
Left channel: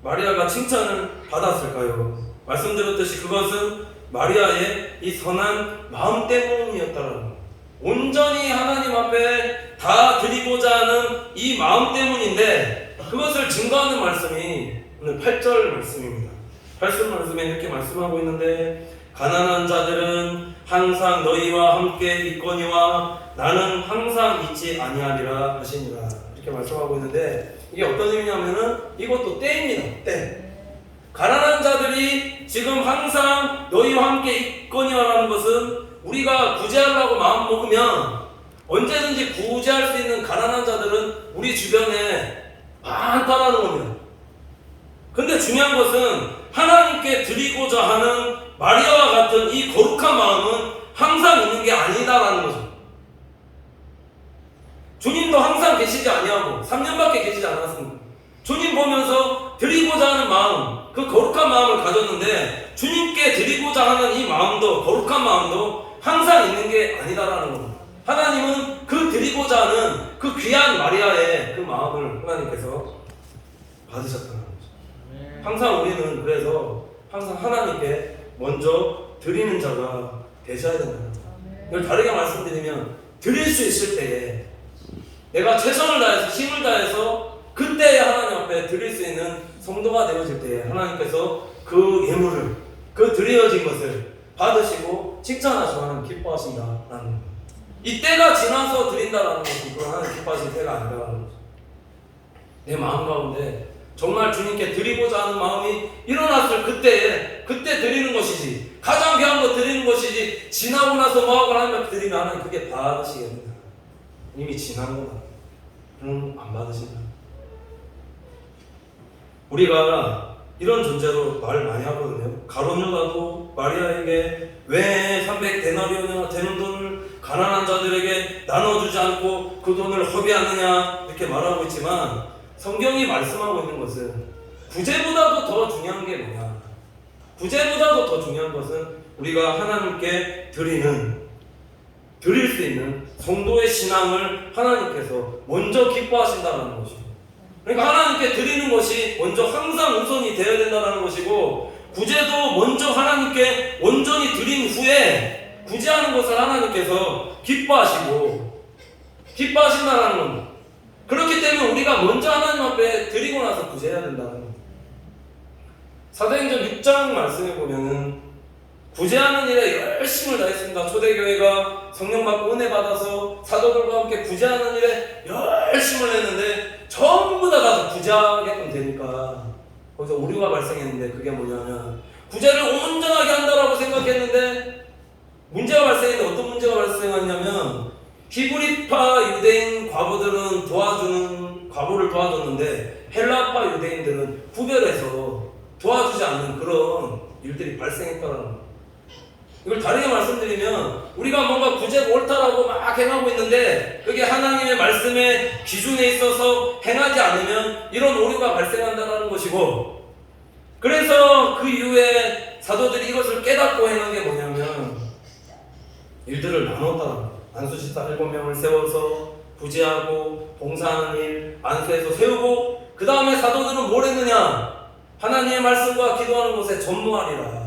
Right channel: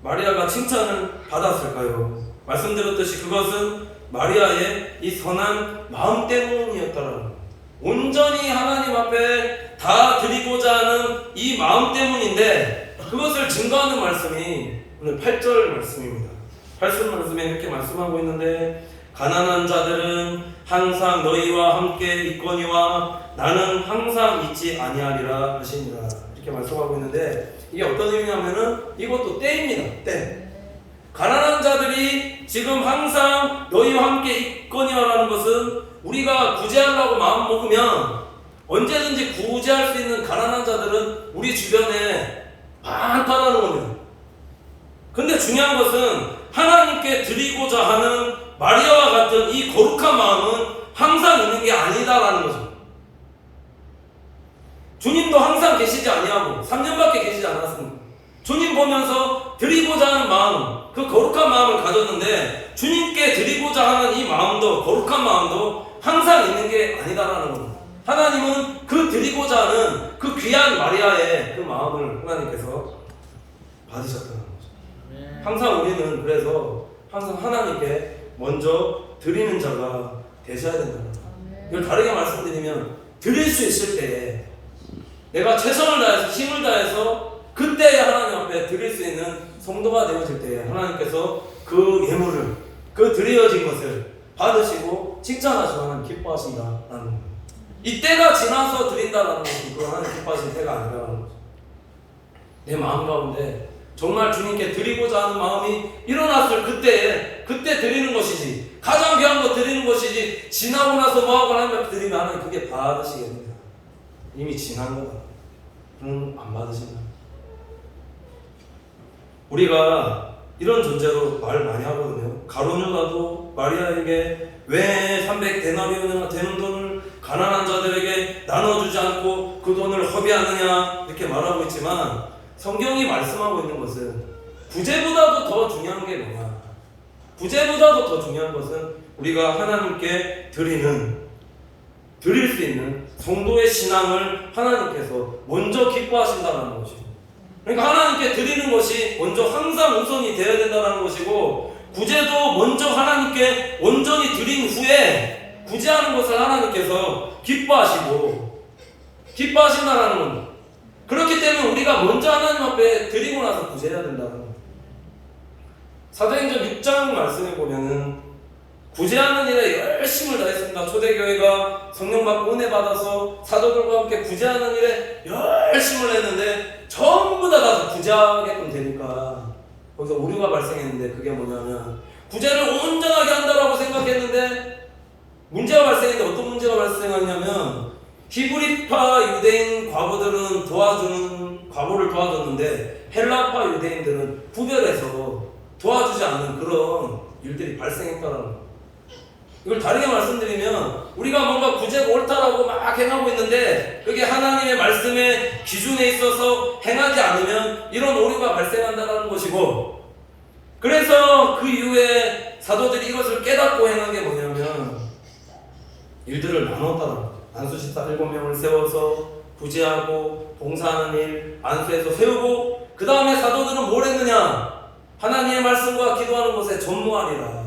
마리아가 칭찬을 받았을까요? 말씀드렸듯이 그것은 마리아의 이 선한 마음 때문이었다는 겁니다. 온전히 하나님 앞에 다 드리고자 하는 이 마음 때문인데 그것을 증거하는 말씀이 오늘 8절 말씀입니다. 8절 말씀에 이렇게 말씀하고 있는데 가난한 자들은 항상 너희와 함께 있거니와 나는 항상 있지 아니하리라 하시니라 이렇게 말씀하고 있는데 이게 어떤 의미냐면은 이것도 때입니다. 때. 가난한 자들이 지금 항상 너희와 함께 있거니와라는 것은 우리가 구제하려고 마음 먹으면 언제든지 구제할 수 있는 가난한 자들은 우리 주변에 많다라는 겁니다. 근데 중요한 것은 하나님께 드리고자 하는 마리아와 같은 이 거룩한 마음은 항상 있는 게 아니다라는 거죠. 주님도 항상 계시지 아니하고 3년밖에 계시지 않았습니다. 주님 보면서 드리고자 하는 마음, 그 거룩한 마음을 가졌는데 주님께 드리고자 하는 이 마음도 거룩한 마음도 항상 있는 게 아니다라는 겁니다. 하나님은 그 드리고자 하는 그 귀한 마리아의 그 마음을 하나님께서 받으셨다는 거죠. 항상 우리는 그래서 항상 하나님께 먼저 드리는 자가 되셔야 된다는 거예요. 이걸 다르게 말씀드리면 드릴 수 있을 때에 내가 최선을 다해서 힘을 다해서 그때 하나님 앞에 드릴 수 있는 성도가 되어질 때에 하나님께서 그 예물을 그 드려진 것을 받으시고 칭찬하시고 하나님 기뻐하신다라는 겁니다. 이 때가 지나서 드린다라는 것은 그건 하나님 기뻐하실 때가 아니라는 거죠. 내 마음 가운데 정말 주님께 드리고자 하는 마음이 일어났을 그때 드리는 것이지 가장 귀한 거 드리는 것이지 지나고 나서 뭐하고 하나님 앞에 드리면 하나님 그게 받으시겠느냐. 이미 지난 거다. 안 받으신다. 우리가 이런 존재로 말 많이 하거든요. 가룟유다도 마리아에게 왜 300데나리온이나 되는 돈을 가난한 자들에게 나눠주지 않고 그 돈을 허비하느냐 이렇게 말하고 있지만 성경이 말씀하고 있는 것은 구제보다도 더 중요한 게 뭐냐? 구제보다도 더 중요한 것은 우리가 하나님께 드릴 수 있는 성도의 신앙을 하나님께서 먼저 기뻐하신다는 것이고, 그러니까 하나님께 드리는 것이 먼저 항상 우선이 되어야 된다는 것이고, 구제도 먼저 하나님께 온전히 드린 후에 구제하는 것을 하나님께서 기뻐하신다는 겁니다. 그렇기 때문에 우리가 먼저 하나님 앞에 드리고 나서 구제해야 된다는 겁니다. 사도행전 6장 말씀에 보면은 구제하는 일에 열심을 다했습니다. 초대교회가 성령 받고 은혜 받아서 사도들과 함께 구제하는 일에 열심을 했는데 전부 다 구제하게끔 되니까 거기서 오류가 발생했는데 그게 뭐냐면 구제를 온전하게 한다라고 생각했는데 문제가 발생했는데 어떤 문제가 발생하냐면 히브리파 유대인 과부들은 과부를 도와줬는데 헬라파 유대인들은 구별해서 도와주지 않는 그런 일들이 발생했다는 거예요. 이걸 다르게 말씀드리면 우리가 뭔가 구제가 옳다라고 막 행하고 있는데 그게 하나님의 말씀의 기준에 있어서 행하지 않으면 이런 오류가 발생한다는 것이고, 그래서 그 이후에 사도들이 이것을 깨닫고 행한 게 뭐냐면 일들을 나눴다. 안수집사 7명을 세워서 구제하고 봉사하는 일 안수해서 세우고, 그 다음에 사도들은 뭘 했느냐? 하나님의 말씀과 기도하는 것에 전무하리라.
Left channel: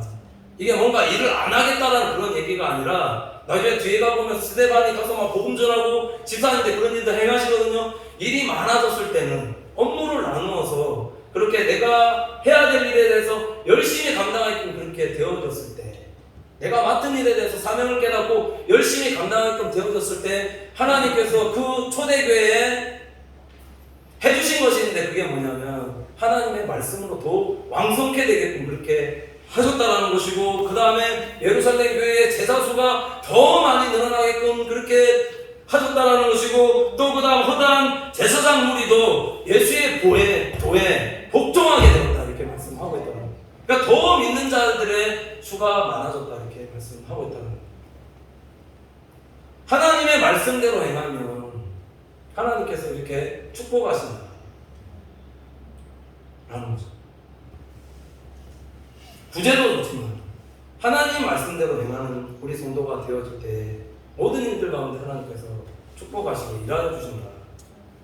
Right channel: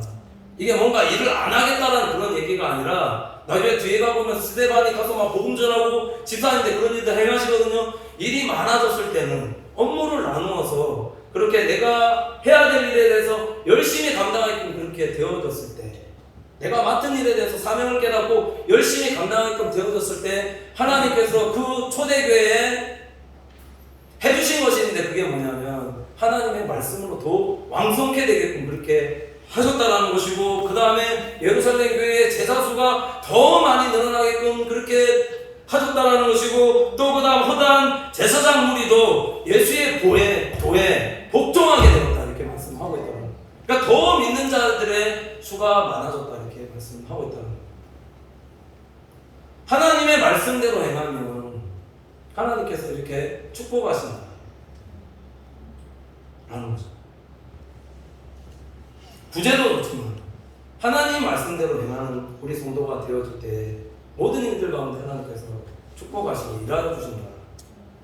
이게 뭔가 일을 안 하겠다라는 그런 얘기가 아니라, 나중에 뒤에 가보면 스데반이 가서 막 복음 전하고 집사님들 그런 일들 행하시거든요. 일이 많아졌을 때는 업무를 나누어서 그렇게 내가 해야 될 일에 대해서 열심히 감당하게끔 그렇게 되어졌을 때, 내가 맡은 일에 대해서 사명을 깨닫고 열심히 감당하게끔 되어졌을 때 하나님께서 그 초대교회에 해주신 것이 있는데 그게 뭐냐면 하나님의 말씀으로 더 왕성케 되게끔 그렇게 하셨다는 것이고, 그 다음에 예루살렘 교회의 제자수가 더 많이 늘어나게끔 그렇게 하셨다는 것이고, 또 그 다음 허다한 제사장 무리도 예수의 도에 복종하게 되었다 이렇게 말씀하고 있더라고요. 그러니까 더 믿는 자들의 수가 많아졌다 이렇게 말씀하고 있다는 거예요. 하나님의 말씀대로 행하면 하나님께서 이렇게 축복하신다 라는 거죠. 구제도 그렇지만 하나님 말씀대로 행하는 우리 성도가 되어질 때 모든 일들 가운데 하나님께서 축복하시고 일하여주신다,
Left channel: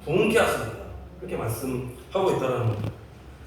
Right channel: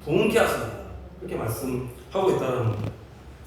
부흥케 하신다 이렇게 말씀하고 있다는 거예요.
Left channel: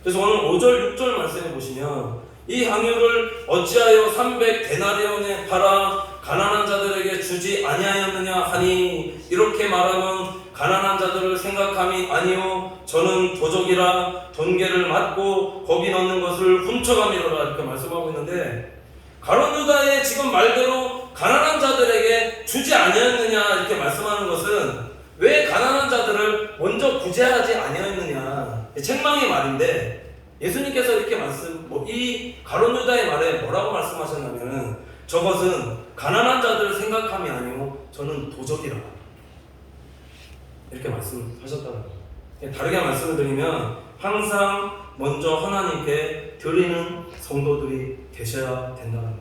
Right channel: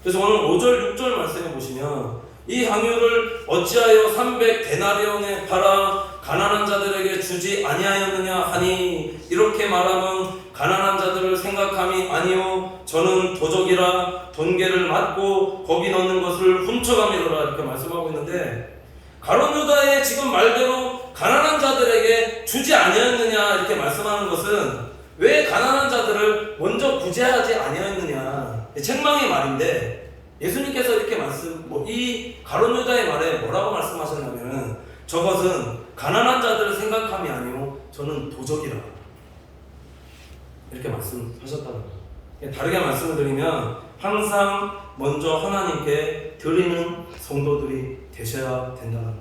그래서 오늘 5절 6절 말씀해 보시면 이 향유를 어찌하여 300데나리온에 팔아 가난한 자들에게 주지 아니하였느냐 하니, 이렇게 말하면 가난한 자들을 생각함이 아니요 저는 도적이라 돈계를 맞고 거기 넣는 것을 훔쳐가미로라 이렇게 말씀하고 있는데, 가룟 유다의 지금 말대로 가난한 자들에게 주지 아니하였느냐 이렇게 말씀하는 것은 왜 가난한 자들을 먼저 구제하지 아니하였느냐, 책망의 말인데, 예수님께서 이렇게 이 가룟 유다의 말에 뭐라고 말씀하셨냐면은 저것은 가난한 자들을 생각함이 아니요 저는 도적이라 이렇게 말씀하셨다는 거예요. 다르게 말씀을 드리면 항상 먼저 하나님께 드리는 성도들이 되셔야 된다는 거예요.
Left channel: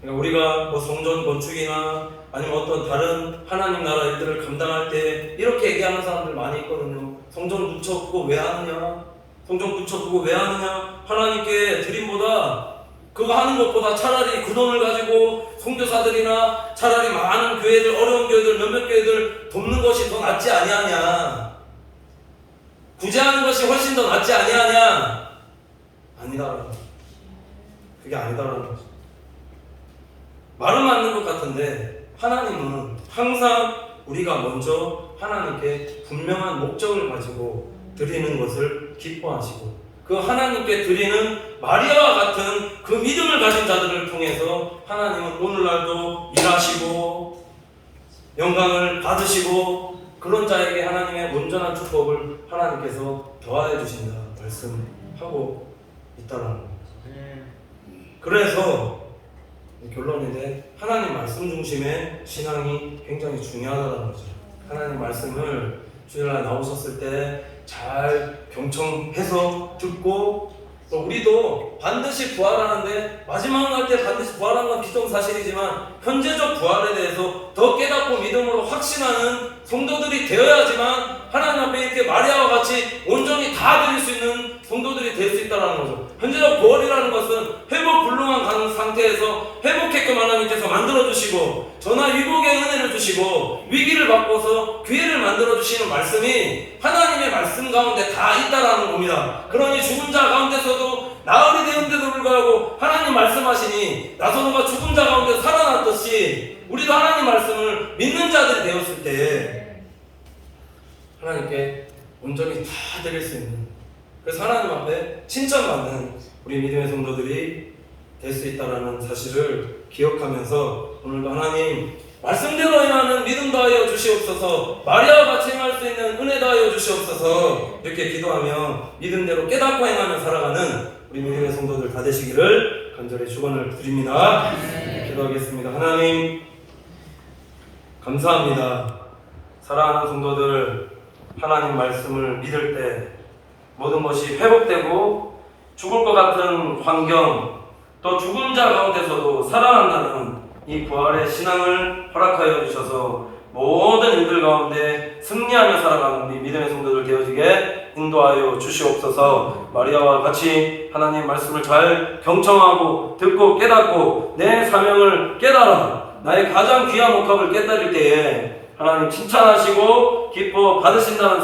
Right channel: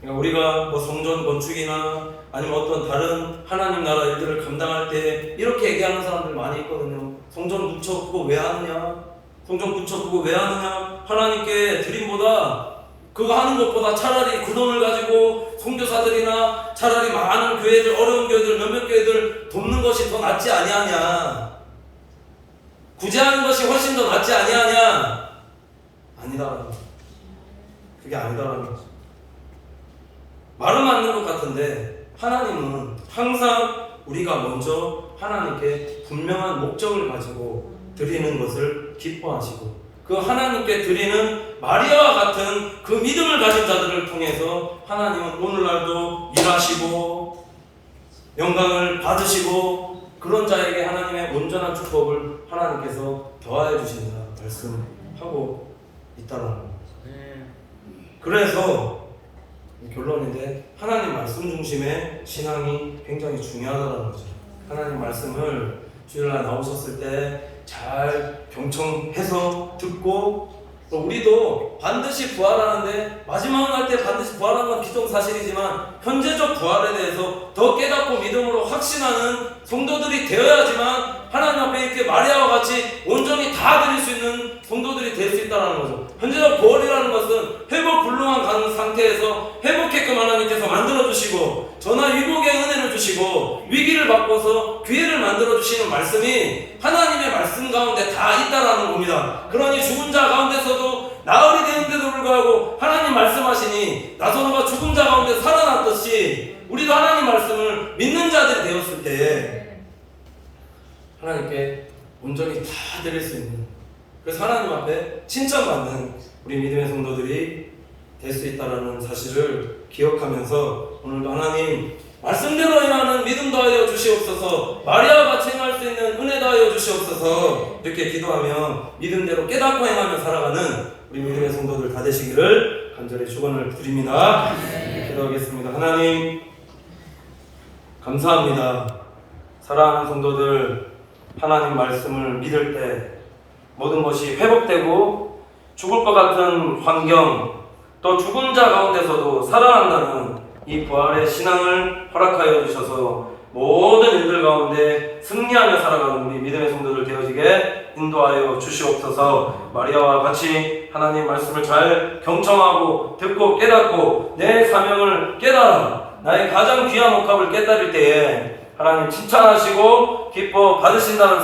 그러니까 우리가 뭐 성전 건축이나 아니면 어떤 다른 하나님 나라 일들을 감당할 때 이렇게 얘기하는 사람들 많이 있거든요. 성전 붙여보고 왜 하느냐? 성전 붙여보고 왜 하느냐? 하나님께 드림보다 그거 하는 것보다 차라리 그 돈을 가지고 선교사들이나 차라리 많은 교회들, 어려운 교회들, 몇몇 교회들 돕는 것이 더 낫지 아니하냐? 구제하는 것이 훨씬 더 낫지 아니하냐? 아니다라는 거죠. 그게 아니다라는 거죠. 말은 맞는 것 같은데 하나님은 항상 우리가 먼저 하나님께 분명한 목적을 가지고 드리는 것을 기뻐하시고, 그 하나님께 드리는 마리아와 같은 그 믿음을 가진 자들을 통해서 하나님은 오늘날도 일하시고 영광을 받으시고 그런 자에게 하나님의 온전한 축복을 하나님께서 더하여 주신다 말씀하고 있다는 겁니다. 그래서 결론인데 하나님 말씀 중심의 신앙이 굉장히 중요하다는 거죠. 하나님 말씀을 주일날 나오셨을 때 잘 경청해서 듣고, 또 우리도 반드시 부활하는데 마지막 날 때 반드시 부활하는 건 기정사실이지만 현재적 부활에 대해서 더 깨닫고 믿음으로 확신하는 성도들이 되어야지만 하나님 앞에 이렇게 마리아와 같이 온전히 다 드릴 수 있는 성도들이 될 수 있다는 거죠. 현재적 부활이라는 것은 회복 불능한 상태에서 회복했게끔 하나님께서 만들어주시고 전화 위복의 은혜를 주시고 위기를 바꿔서 기회를 만들어주시는 말씀이 하나님의 말씀 가운데 다 있다라는 겁니다. 그러니 죽은 자 가운데서도 나흘이 되는데도 불구하고 하나님 말씀하시니 나사로가 죽은 자 가운데 살아났듯이 우리도 하나님 말씀을 믿는 자들이 되었을 때 하나님께 온전히 다 드릴 수 있는, 그래서 하나님 앞에 칭찬받는 우리 믿음의 성도들이 될 수 있다는 사실을 기억하면서 오늘도 하나님 말씀대로 행하는 믿음 더하여 주시옵소서, 마리아와 같이 행할 수 있는 은혜 더하여 주시옵소서 이렇게 기도하며 믿음대로 깨닫고 행하며 살아가는 우리 믿음의 성도들 다 되시기를 간절히 축원을 드립니다. 기도하겠습니다. 하나님 감사합니다. 사랑하는 성도들, 하나님 말씀을 믿을 때 모든 것이 회복되고 죽을 것 같은 환경, 또 죽은 자 가운데서도 살아난다는 이 부활의 신앙을 허락하여 주셔서 모든 일들 가운데 승리하며 살아가는 우리 믿음의 성도들 되어지게 인도하여 주시옵소서. 마리아와 같이 하나님 말씀을 잘 경청하고 듣고 깨닫고 내 사명을 깨달아 나의 가장 귀한 옥합을 깨달을 때에 하나님 칭찬하시고 기뻐 받으신다는